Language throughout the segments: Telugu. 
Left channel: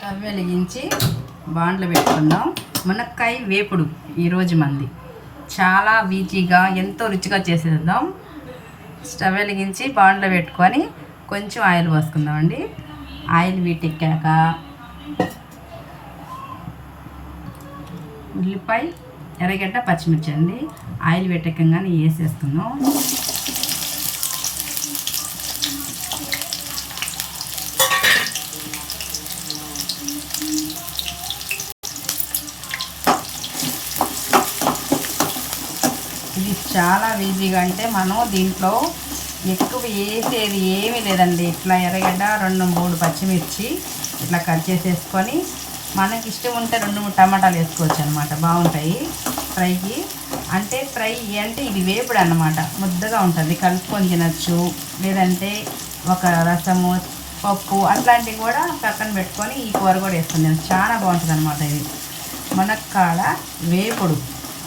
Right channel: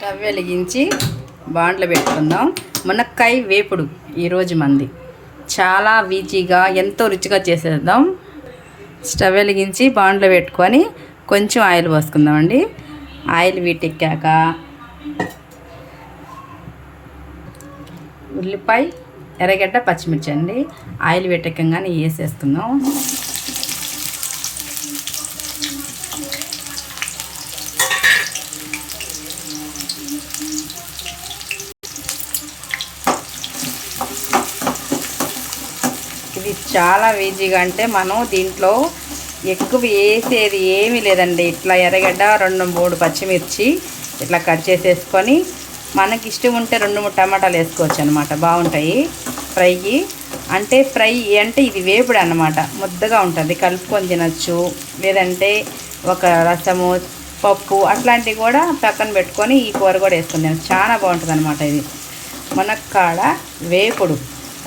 స్టవ్ వెలిగించి బాండ్లు పెట్టుకుందాం. మునక్కాయ వేపుడు ఈరోజు మంది చాలా ఈజీగా ఎంతో రుచిగా చేసేద్దాం. స్టవ్ వెలిగించి బాండ్లు పెట్టుకొని కొంచెం ఆయిల్ పోసుకుందామండి. ఆయిల్ వీటెక్కాక ఉల్లిపాయ, ఎర్రగడ్డ, పచ్చిమిర్చి అండి ఆయిల్ వీటెక్కగానే వేసేసుకుందాం. ఇది చాలా ఈజీగా, అంటే మనం దీంట్లో ఎక్కువ వేసేది ఏమీ లేదండి. ఇట్లా ఎర్రగడ్డ 2-3 పచ్చిమిర్చి ఇట్లా కట్ చేసేసుకొని మనకి ఇష్టం ఉంటే 2-3 టమాటాలు వేసుకోవచ్చు అనమాట. బాగుంటాయి ఫ్రైకి. అంటే ఫ్రై అంటే ఇది వేపుడు అనమాట, ముద్దగా ఉంటుంది, కలుపుకొని తినచ్చు. లేదంటే ఒక రసము, పప్పు అట్లాంటివి కూడా పక్కన పెట్టుకొని ఈ కూర కూడా వేసుకొని తినచ్చు. చాలా బాగుంటుంది అనమాట. ఇది మునక్కాడ వేపుడు.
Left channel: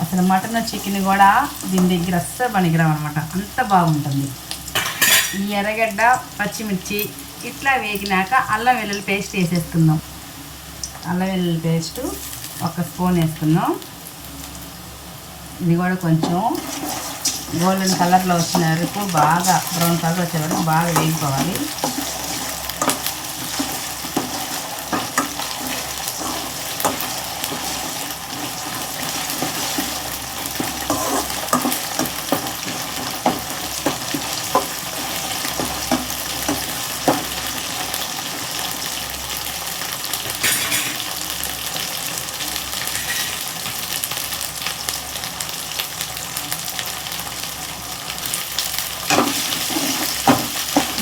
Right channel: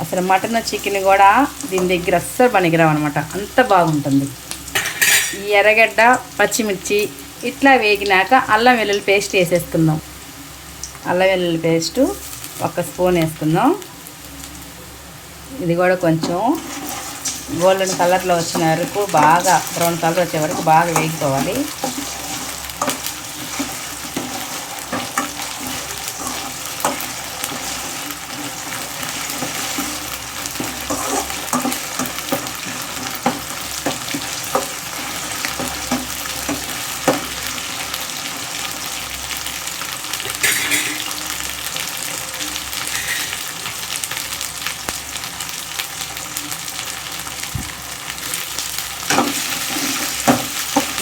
అసలు మటన్, చికెన్ కూడా దీని దగ్గర అస్సలు పనికిరావు అనమాట, అంత బాగుంటుంది. ఈ ఎర్రగడ్డ, పచ్చిమిర్చి ఇట్లా వేగినాక అల్లం వెల్లుల్లి పేస్ట్ వేసేసుకుందాం. అల్లం వెల్లుల్లి పేస్టు 1 స్పూన్ వేసుకుందాం. ఇది కూడా కొంచెం గోల్డెన్ కలర్లో వచ్చిన వరకు, బాగా బ్రౌన్ కలర్ వచ్చే వరకు బాగా వేగిపోవాలి.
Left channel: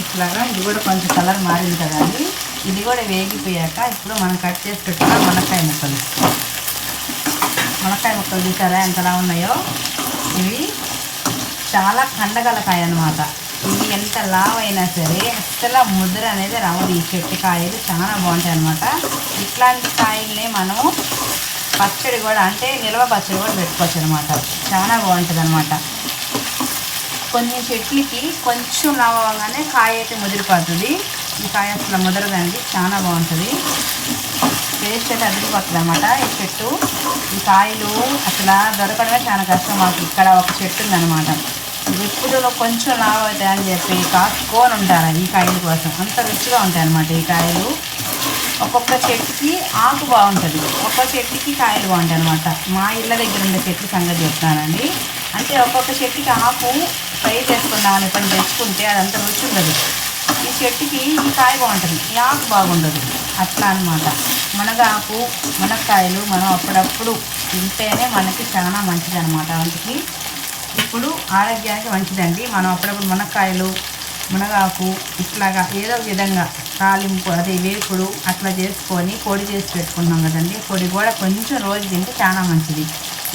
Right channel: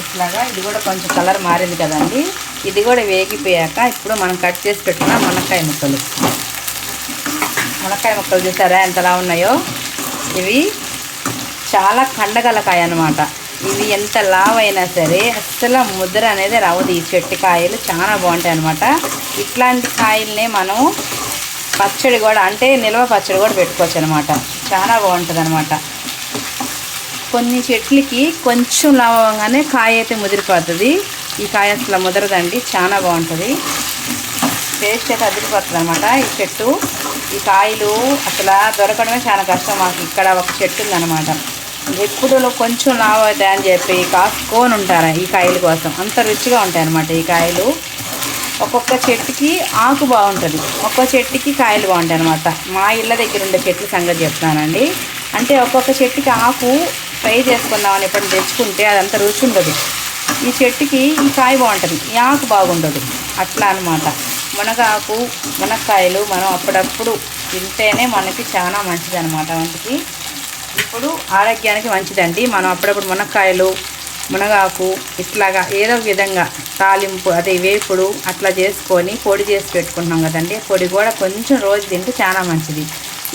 ఇట్లాగా ఇది కూడా కొంచెం కలర్ మారింది కదండి. ఇది కూడా వేగిపోయాక ఇప్పుడు మనం కట్ చేసి పెట్టుకున్న మునక్కాయ ముక్కలు చూసారా ఎంతలా ఉన్నాయో. ఇవి చాలా కండగలకాయ అన్నమాట. ఇవి ఎంత లావైనా సరే అస్సలు ముద్ర అనేది రావదు. ఈ చెట్టు కాయలు చాలా బాగుంటాయి అన్నమాట. ఇట్లాంటి కాయల్ని మనం పచ్చడి కూడా, అంటే నిల్వ పచ్చడి కూడా పెట్టుకోవచ్చు అనమాట. చాలా బాగుంటుంది అనమాట. కొన్ని చెట్లకి కొంచెం లావగానే కాయ అయితే ముదిరిపోతుంది. ఈ కాయ అసలు ముదరదండి, చాలా బాగుంటుంది. టేస్ట్ అయితే అదిరిపోతుంది అనమాట ఈ చెట్టు. ఈ కాయలు అసలు దొరకడమే చాలా కష్టం. మాకు ఇక్కడ ఒక చెట్టు ఉందన్నమాట. ఇప్పుడు కొంచెం లావు అవుతాయని చెప్పి కాసుకొని ఉంటారు ఈ కాయల కోసం. అంత రుచిగా ఉంటాయి అన్నమాట ఈ కాయలు. ఒక్కొక్క చెట్టుకి ఆకు బాగుంటుంది, ఒక్కొక్క చెట్టుకి కాయలు బాగుంటాయి అనమాట. మా ఇళ్ళ దగ్గర ఉండే చెట్ల సంగతి చెప్తానండి. అంటే ఒక్కొక్క చెట్టుకి ఆకు ఫ్రై చేసుకున్నామని ఇప్పుడు తెచ్చుకుంటే అదంతా రుచి ఉండదు. ఈ చెట్టుకి ఈ కాయ బాగుంటుంది, ఈ ఆకు బాగుండదు. అట్లా అనమాట. మునగాకు, మునక్కాయలు మనం అప్పుడప్పుడు తింటేనే మనకి చాలా మంచిది అనమాట. వంటికి ఇప్పుడు ఆరోగ్యానికి మంచిదండి. మనం అప్పుడప్పుడు మునక్కాయలు, మునగాకు ఇట్లాగా ఏదో ఒక విధంగా తాలింపు, అదే వేపుడు అట్లా చేసుకొని పొడి చేసి పెట్టుకుంటున్నాం కదండి. పొడి కూడా కొంచెం రోజు తింటే చాలా మంచిది.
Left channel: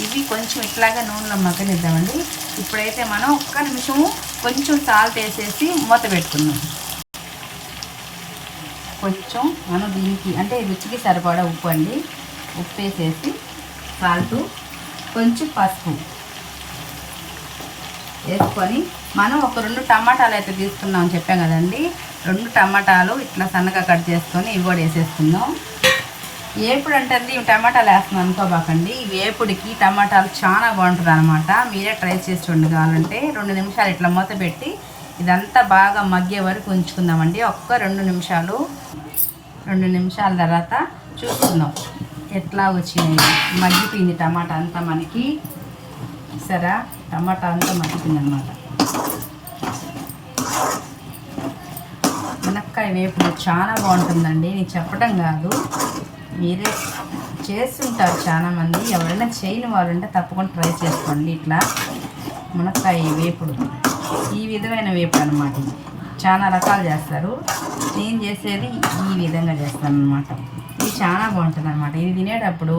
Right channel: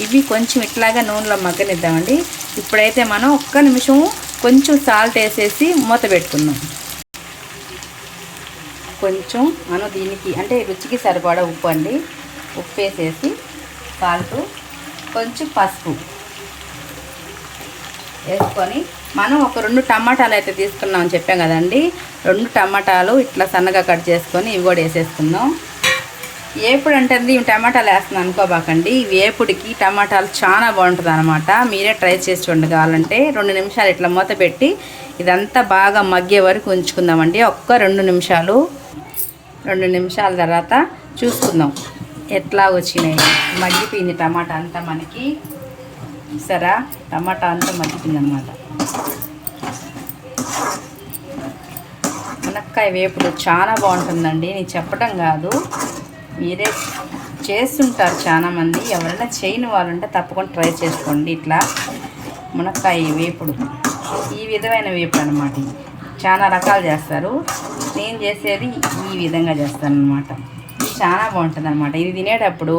ఇవి కొంచెం ఇట్లాగా నూనెలో మగ్గనిద్దామండి. ఇప్పుడైతే మనం 1 నిమిషం కొంచెం సాల్ట్ వేసేసి మూత పెట్టుకుందాం. కొంచెం మనం దీనికి అంటే రుచికి సరిపడా ఉప్పు అండి. ఉప్పు వేసేసి సాల్ట్, కొంచెం పసుపు వేసుకొని మనం ఒక 2 టమాటాలు అయితే తీసుకున్నాం అని చెప్పాం కదండి. 2 టమాటాలు ఇట్లా సన్నగా కట్ చేసుకొని ఇవి కూడా వేసేసుకుందాం. వేపుడు అంటే ఇవి టమాటాలు వేస్తున్నాను అనుకోబాకండి. వేపుడికి టమాటాలు చాలా బాగుంటుంది అనమాట. మీరే ట్రై చేసి చూడండి. కావాలంటే 2 నిమిషాలు ఇట్లా మూత పెట్టి ఇదంతా బాగా మగ్గే వరకు ఉంచుకుందామండి. ఒక్క 2 నిమిషాలు. 2 నిమిషాల తర్వాత చూసుకుందాం ఎట్లా వచ్చినాయి. మగ్గిపోయింది టమాటా అంతా మనకి. సరే, టమాటా అంతా మగ్గిపోయింది అనమాట. మునక్కాయ వేపుడు చాలా బాగుంటుందండి. నేను చెప్పడం కాదు, మీరే చేస్తుంటారు చాలామంది. ఎవరైనా చేయని వాళ్ళు ఉంటే తప్పకుండా ట్రై చేసుకోండి. ఇట్లా మునక్కాయ వేపుడు ఈ విధమైన వేపుడు అనమాట. చాలా రకాలు చేస్తారు, నేను చేసేది ఈ విధంగా చేస్తాను అనమాట. ఇది చాలా బాగుంటుంది అనమాట. ఇది తినేటప్పుడు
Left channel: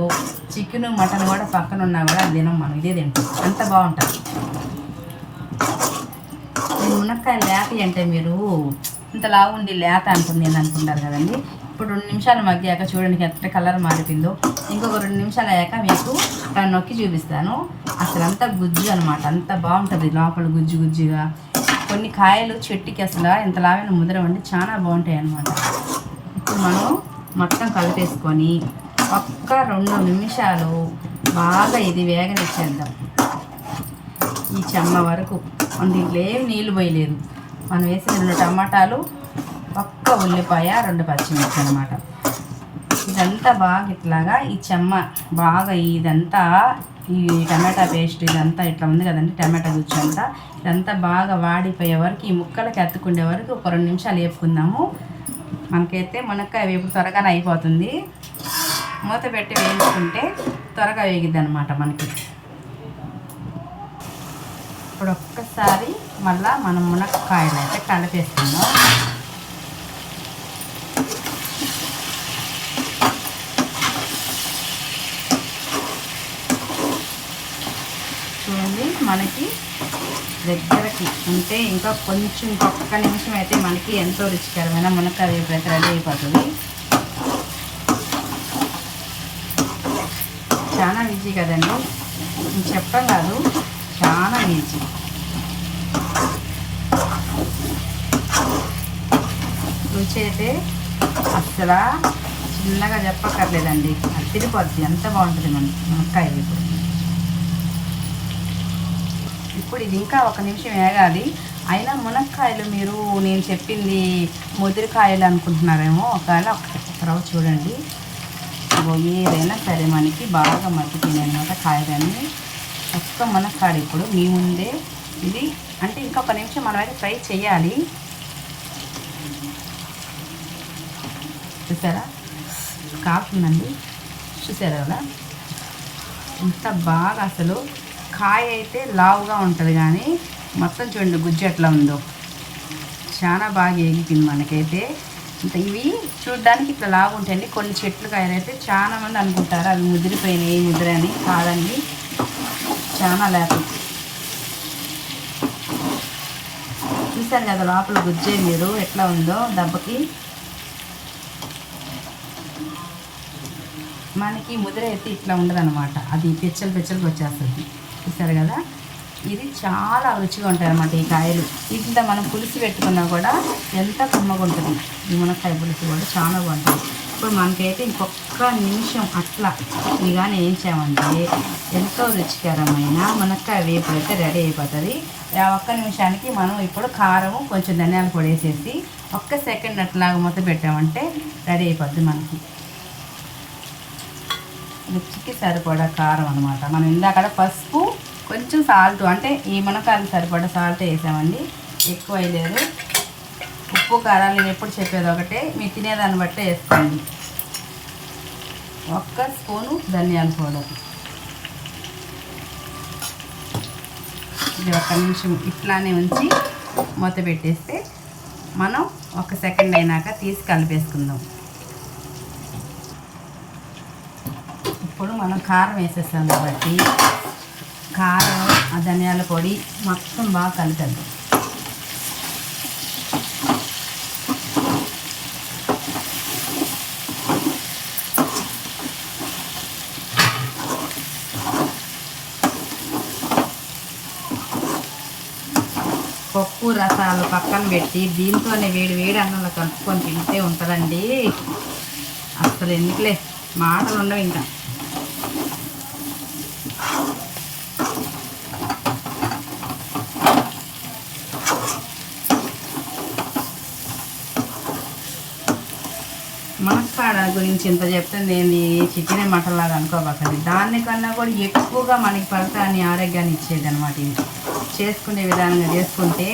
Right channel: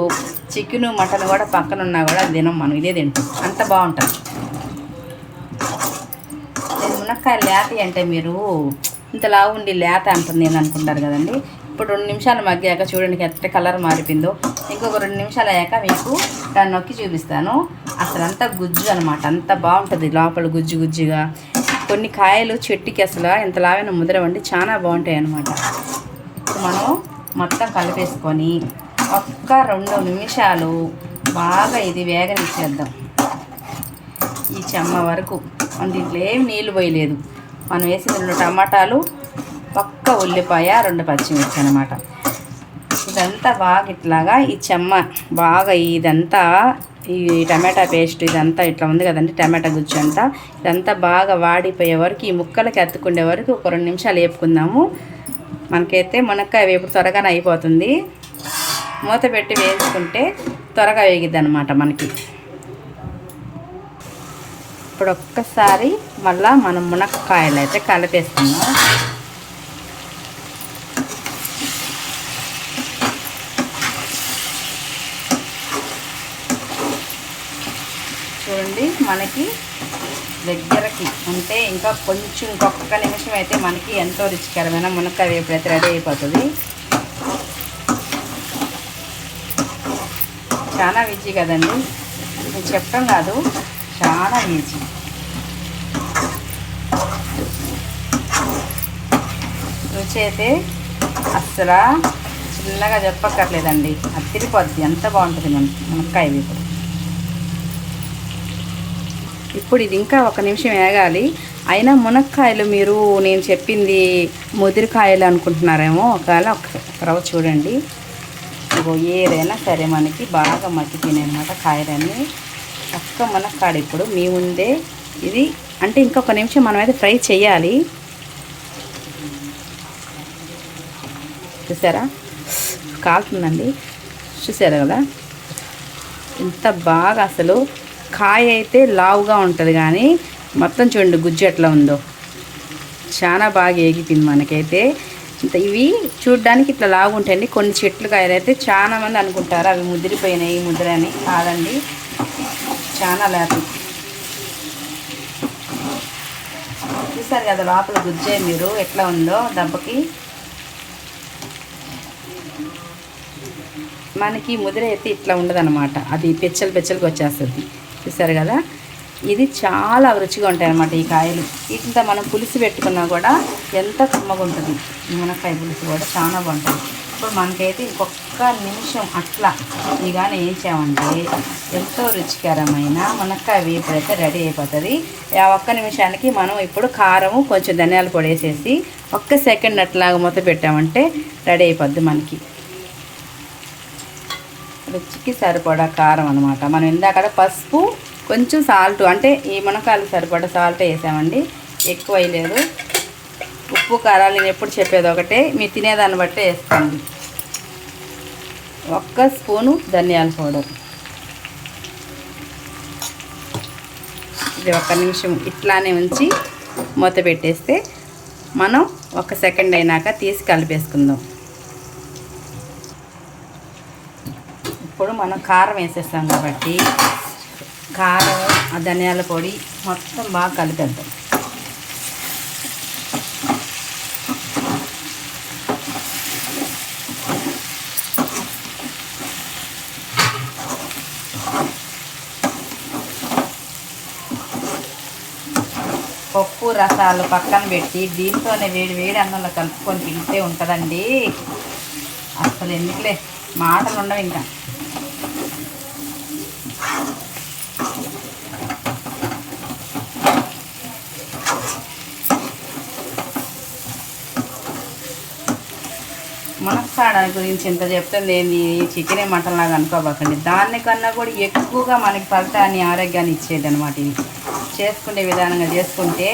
చికెన్, మటన్ కూడా పక్కన ఉన్నా కూడా తినం, మనం ఇదే తింటాం, అంత బాగుంటుంది. నేను మునక్కాయ లేత అంటే మీరు ఇంతలా ఉండి లేత అంటుంది నేను అనుకుంటారు కదండి. ఇప్పుడు 2 నిమిషాలు మగ్గాక చూడండి ఎంత కలర్ మారిపోయిందో. ఇంకొక 2 నిమిషాలు అయ్యాక మీకు దాన్ని నొక్కి చూపిస్తాను. అసలు అంతా గుజ్జు అనమాట, అంత బాగుంటుంది లోపల గుజ్జు గుజ్జుగా. కొన్ని కాయలు చెట్టుకి అసలు ఎంతలాగా ముద్రవండి చాలా బాగుంటాయి అన్నమాట. ఇప్పుడు మనం మొత్తం కలిపేసుకొని ఒక్క 2 నిమిషాలు బాగా ఇది వేగనిచ్చేద్దాం. ఈ చెమ్మ వరకు దీంట్లో ఏమి నీళ్ళు పోయలేదు. మనం వేసి 2 టమాటాలు, ఒక్క ఉల్లిపాయ, 2 పచ్చిమిర్చి అనమాట. ఇదంతా బాగా ఇట్లాగా ఈ చెమ్మ బాగా ఇదంతా ఈ టమాటా పేస్ట్ ఇదంతా ఇట్లా ఉంది కదండి, టమాటా గుజ్జు అంతా ఇదంతా బాగా వాడిపోయే వరకు, ఈ ముక్కలకి అతుక్కుండే వరకు ఒక 2 నిమిషాలు వేపుకుందాము. మనకైతే మునక్కాయ వేపు త్వరగానే అయిపోతుంది. మూత పెట్టి వేసుకుంటే త్వరగా వేగిద్ది అనమాట మనకి. ఇప్పుడు ఒక్కసారి మళ్ళీ మనం మునక్కాయలు అయితే కలిపేస్తున్నాం. చూడండి, మనకి దగ్గరకి ఉంటే ఇంకా కొంచెం ఇంకొక నిమిషం అయితే మనకి ఎంతో రుచికరమైన మునక్కాయ వేపుడు అయితే రెడీ అయిపోతుంది. చాలా ఈజీ కదండి, నేను చెప్పడం కాదు, చాలా ఈజీ. రుచి అయితే అస్సలు చిన్నగా చెప్పక్కర్లేదండి, అది తిరిగిపోద్ది, ఎంత బాగుంటుంది మునక్కాయ వేపుడు. ఇప్పుడు ఇది ఇంకా 1 నిమిషం వేగాలి. అయినా మునక్కాయలు మీరు నేను చెప్పింది ముదిరికాయలు అనుకుంటున్నారేమో, ఒకవేళ ఒక చూడండి, ఏదైనా సరే మనకి బాగా మగ్గిపోయినాయి అన్నమాట కాయలన్నీ. ఒక్క మునక్కాడ ఇప్పుడు మీ ముందే ఇది అంటే ఇంకొక నిమిషం మనమైతే ఫ్రై చేయాలి. చూసారా కాకుందండి, చూసారా కదా ఎంత బాగా. అసలు కాయ అయితే లావుగా ఉంటుంది కానీ మొత్తం చూడండి గుజ్జు ఎట్లా ఉందో, చాలా బాగా ఏగిపోయింది మనకైతే. ఇవి చూడడానికి ఇట్లా లాగుంటాయండి. కొన్ని చెట్లు కాయలు అయితే చాలామంది అనుకుంటారు అవి ముదిరిపోయినాయి ముదిరని, కాదండి, చాలా లేత. చూసారు కదా లోపల గుజ్జే మీరు ఎట్లా ఉందో దెబ్బకి. మనకి ముదిర అయితే ఇట్లా ఉండదన్నమాట, అది పెచ్చలుగా వచ్చేస్తుంది. చూసారు కదా, ఇది చాలా రుచిగా ఉంటాయి అన్నమాట ఈ కాయలు. ఇంత మనం పులుసు పెట్టుకున్నా కూడా ఎంత కమ్మగా ఉంటుంది. ఈ మునక్కాయ పులుసు కూడా చాలా బాగుంటుంది. ఇప్పుడు మనకైతే ఇంకొక నిమిషం అట్లా ఇదిగానే వేసామంటే ఎంతో రుచికరమైన మునక్కాయ వేపుడు అయితే రెడీ అయిపోతుంది. ఆ 1 నిమిషానికి మనం ఇప్పుడు కారము కొంచెం ధనియాల పొడి వేసేసి 1 సెకండ్ అట్లాగా మూత పెట్టామంటే రెడీ అయిపోద్ది మనకి. రుచికి సరిపడా కారం అనమాట. మనం ఇందాక పసుపు కొంచెం సాల్ట్, అంటే ఈ మునక్కాయలకు సరిపడా సాల్ట్ వేసామండి, ఎక్కువ వేయలేదు. ఉప్పు కారాలు నేను ఎప్పుడు చెప్పేది ఒకటే, మీరు తినేదాన్ని బట్టే వేసుకోండి. 1 స్పూను ధనియాల పౌడర్. ఇది 1 నిమిషం ఇట్లానే ఉంచి మూత పెట్టేస్తే మనం 1 సెకండ్ అయినాక తీసి కలిపేసుకుందాం. ఇప్పుడు మనం కారం వేసేస్తాం కాబట్టి కారం, ఆ ధనియాల పొడి మొత్తం బాగా కలిపేద్దాం. పప్పు రసాలు పక్కన పెట్టి దీంతోనే వేడి అన్నంలో కలుపుకొని తింటే ఉంటుందండి. అసలు ఎందుకులే మాటలు ఉండవు ఇంకా. మునక్కాడ గురించి ఇంత చెప్తుంది ఏంది, చికెన్ మటన్ లాగా అనుకోబోకండి. దానికన్నా కూడా ఎక్కువగా మనకి ఫలితాన్ని ఆరోగ్యాన్ని ఇచ్చేది అనమాట. ఇది చేసుకునే విధానంగా చేసుకుంటే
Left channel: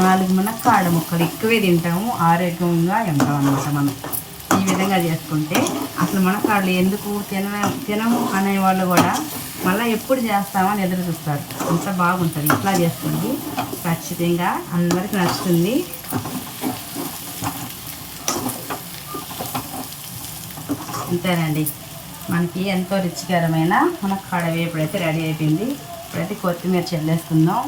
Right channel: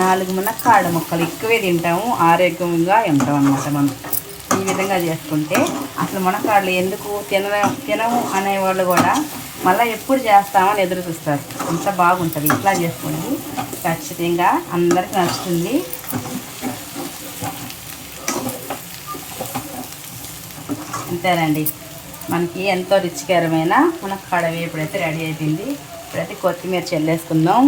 4 మునక్కాడ ముక్కలు ఎక్కువే తింటాము, ఆరోగ్యంగా ఉంటాం అన్నమాట. మనం ఈ విధంగా చేసుకుంటే అసలు మునక్కాడలు ఎందుకు తినము అనేవాళ్ళు కూడా మళ్ళీ ఎప్పుడు చేస్తామని ఎదురు చూస్తారు. అంత బాగుంటుంది. ఇట్లా చేసుకోండి, ఖచ్చితంగా అందరికీ నచ్చుతుంది. అంతేనండి, మనకి ఎంతో రుచికరమైన మునక్కాడ వేపుడైతే రెడీ అయిపోయింది. ఇప్పుడైతే కొత్తిమీర చల్లేసుకుందాం.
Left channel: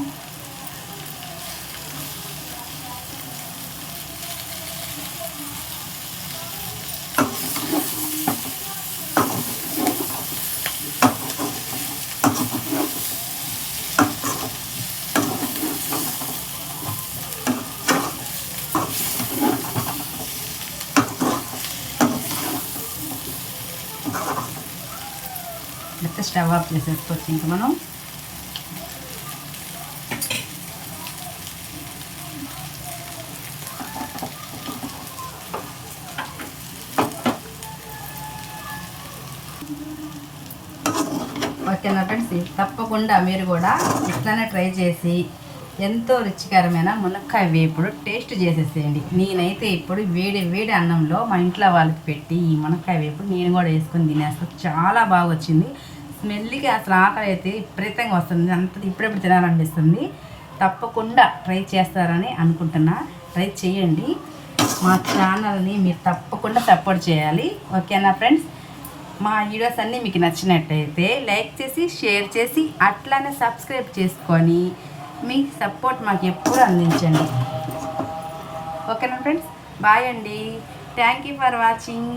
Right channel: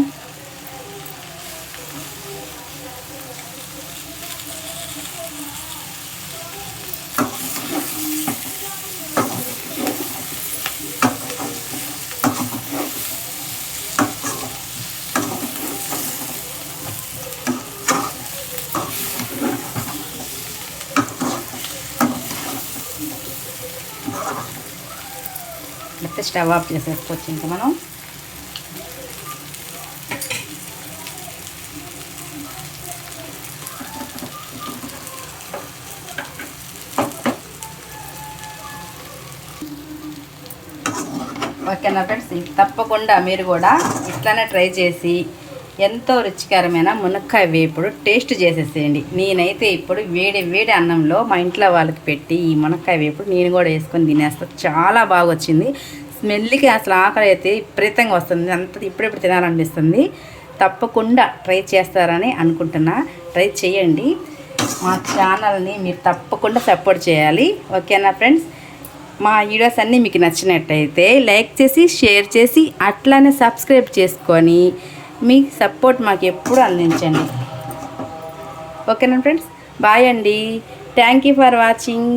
అయితే స్టవ్ ఆఫ్ చేసేసుకోవచ్చు ఇంకా మనం. ఓకేనా ఫ్రెండ్స్, తప్పకుండా మీరు కూడా ఇట్లానే ట్రై చేసి ఎంతో రుచికరమైన మునక్కాయ వేపుడు టేస్ట్ చేసేసేయండి. నేనైతే ఇప్పుడు వేడి వేడి అన్నంలో మా ఇంట్లో వాళ్ళకి పెట్టి ఈ మునక్కాయ వేపుడు నేను కూడా వేసుకొని తినేస్తాను. చాలా బాగా వచ్చింది. స్మెల్కి అసలు ఆకలి అయితే విపరీతంగా వస్తుంది. అంత ఇప్పుడెప్పుడు తినాలనిపిస్తుంది. తప్పకుండా ట్రై చేస్తారని అనుకుంటున్నా. ట్రై చేయండి. మా ఛానల్ని మీరు తప్పకుండా సపోర్ట్ చేయాలి. ఓకేనా ఫ్రెండ్స్, మా వీడియోస్ అన్నీ మీకు నచ్చినట్టయితే లైక్ చేసి షేర్ చేసి అట్లానే సబ్స్క్రైబ్ చేసుకొని మీ సపోర్ట్ మాకు ఎప్పుడు అందించండి. ఓకేనా ఫ్రెండ్స్, బాయ్ అండి. Thank you for watching.